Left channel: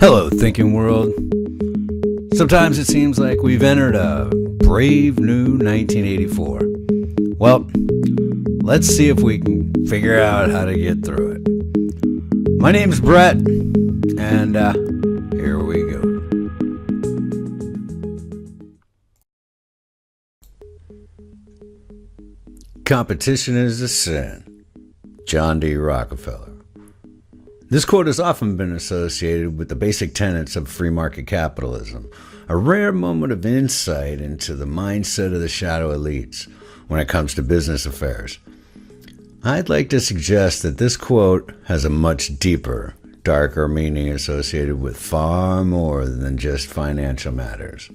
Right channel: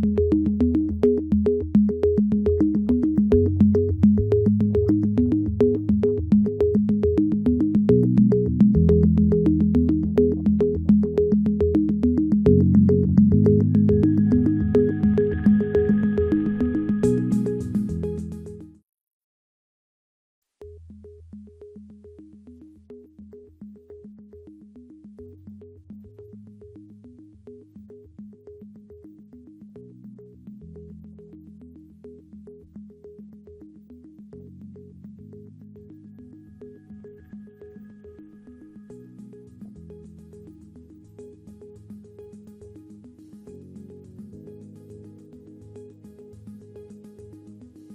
Hello, thinking world. Sometimes it seems like we've entered a brave new 1984. Well, let's see if we can figure out how to get through it. My name's Brett, and here we go. Competition is a sin. John D. Rockefeller. This quote has often been associated with the basic tenets of free market capitalism, a rare moment of insight into the mindset of the shadow elites when it comes to business affairs. I'd like to suggest that this quote has a much deeper, darker meaning associated with far more than just financial matters.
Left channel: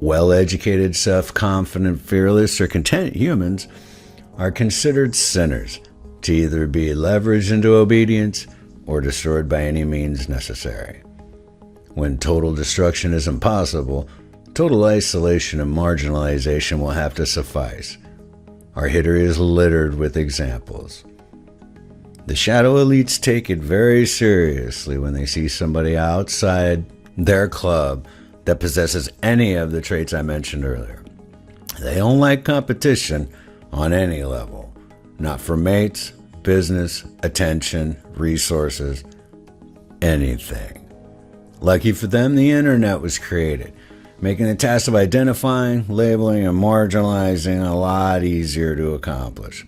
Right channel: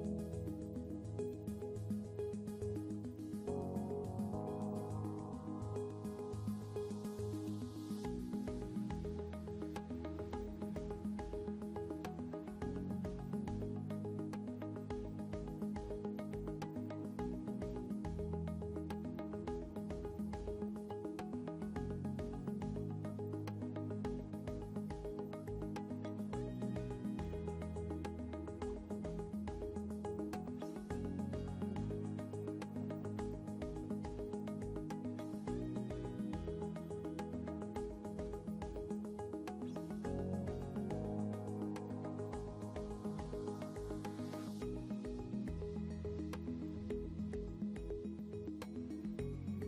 Well-educated, self-confident, fearless, or content humans are considered sinners, to either be leveraged into obedience or destroyed by any means necessary. When total destruction is impossible, total isolation and marginalization will have to suffice. Our history is littered with examples. The shadow elites take it very seriously when they see somebody outside their club that possesses any of the traits I mentioned earlier. They don't like competition on any level. Not for mates, business, attention, resources, anything. Lucky for them, the internet was created, making the task of identifying, labeling, and marginalizing a lot easier to accomplish.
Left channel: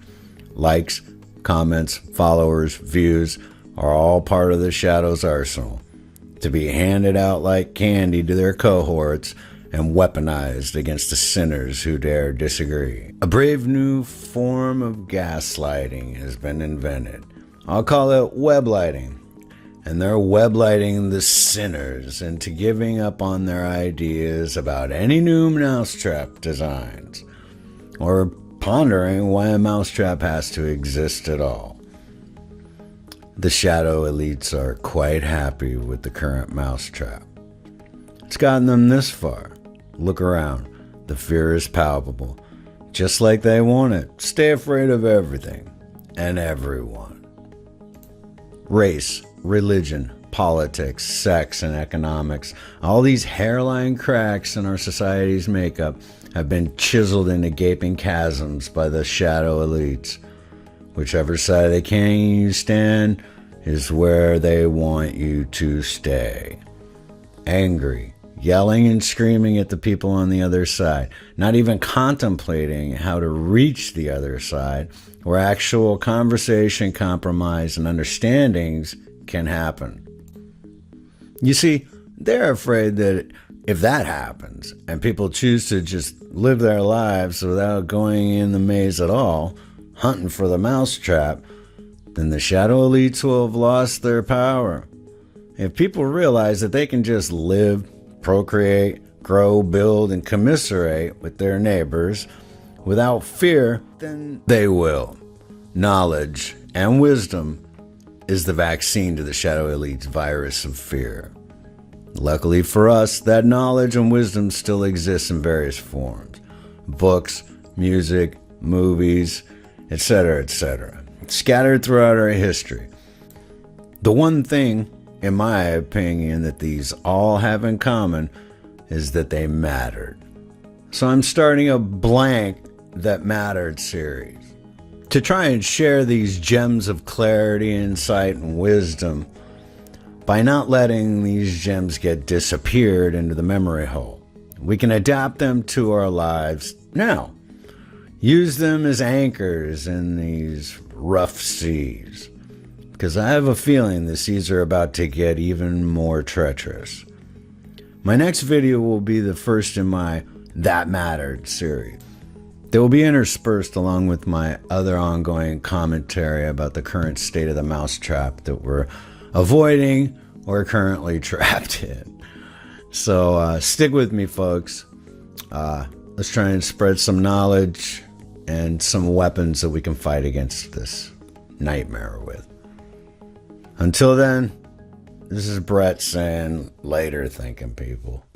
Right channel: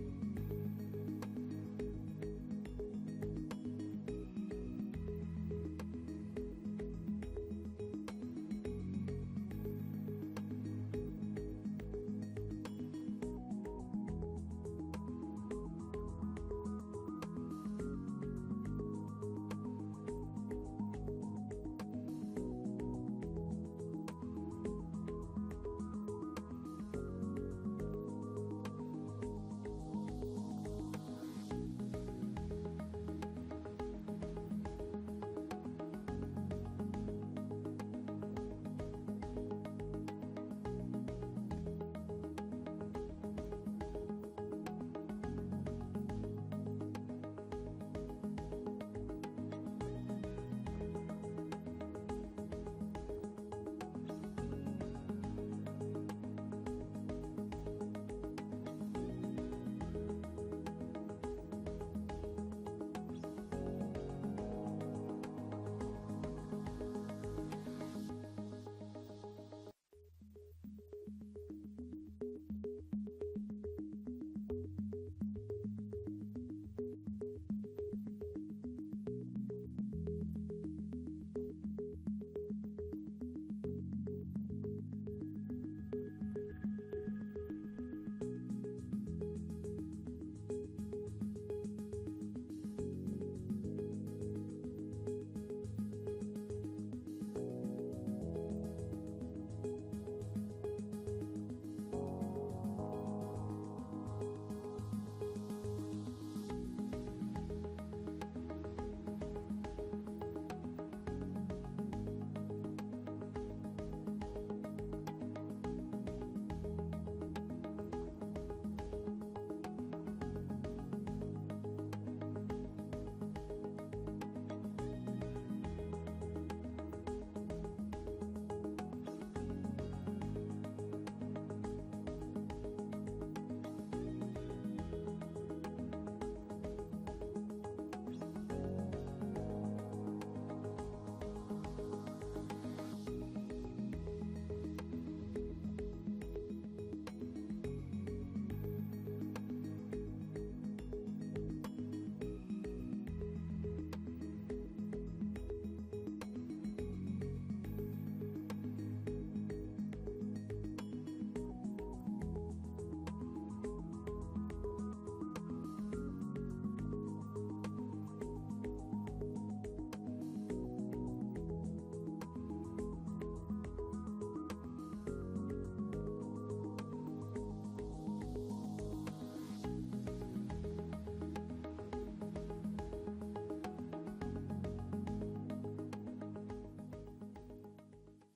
Likes, comments, followers, views are all part of the shadow's arsenal, to be handed out like candy to their cohorts and weaponized against the sinners who dare disagree. A brave new form of gaslighting has been invented. I'll call it weblighting. And they're weblighting the sinners into giving up on their ideas about any new mousetrap designs, or pondering why a mousetrap has to exist at all. The shadow elites are quite happy with the current mousetrap. It's gotten them this far. Look around. The fear is palpable. Just like they want it. Stay afraid of everything and everyone. Race, religion, politics, sex, and economics, all these hairline cracks in our society's makeup have been chiseled into gaping chasms by the shadow elites. Whichever side of the canyon you stand is where they want you to stay. Angry, yelling and screaming at the people on the other side, not even contemplating how to reach the other side, where actual conversation, compromise, and understandings can happen. You see, they're afraid that if that happens, and people choose to just live their lives without going in the maze at all, hunting for the mousetrap, then the shadow elites will have lost their power. If people realize that they can just live, procreate, grow, build, and commiserate with their neighbors without fear, then they will. Knowledge and wisdom is the vaccine to the shadow elite's virus of fear. Luckily for us, that knowledge and wisdom still exists in various forms. Books, music, movies, etc., etc., scattered throughout our history. The one thing, in my opinion, that these all have in common is that they mattered. So I'm starting a Blank That Mattered series to try and share these gems of clarity, insight, and wisdom by not letting these gems get disappeared into the memory hole. We can adapt them to our lives now. Use them as anchors in these rough seas. Because I have a feeling the seas are about to get even more treacherous. My next video will be the first in my That Mattered series. They will be interspersed along with my other ongoing commentary about the current state of the mousetrap that we're avoiding or currently trapped in. So stick with me, folks. Let's try and spread some knowledge and some weapons that we can fight against this nightmare with. Until then, this is Brett saying later, thinking people.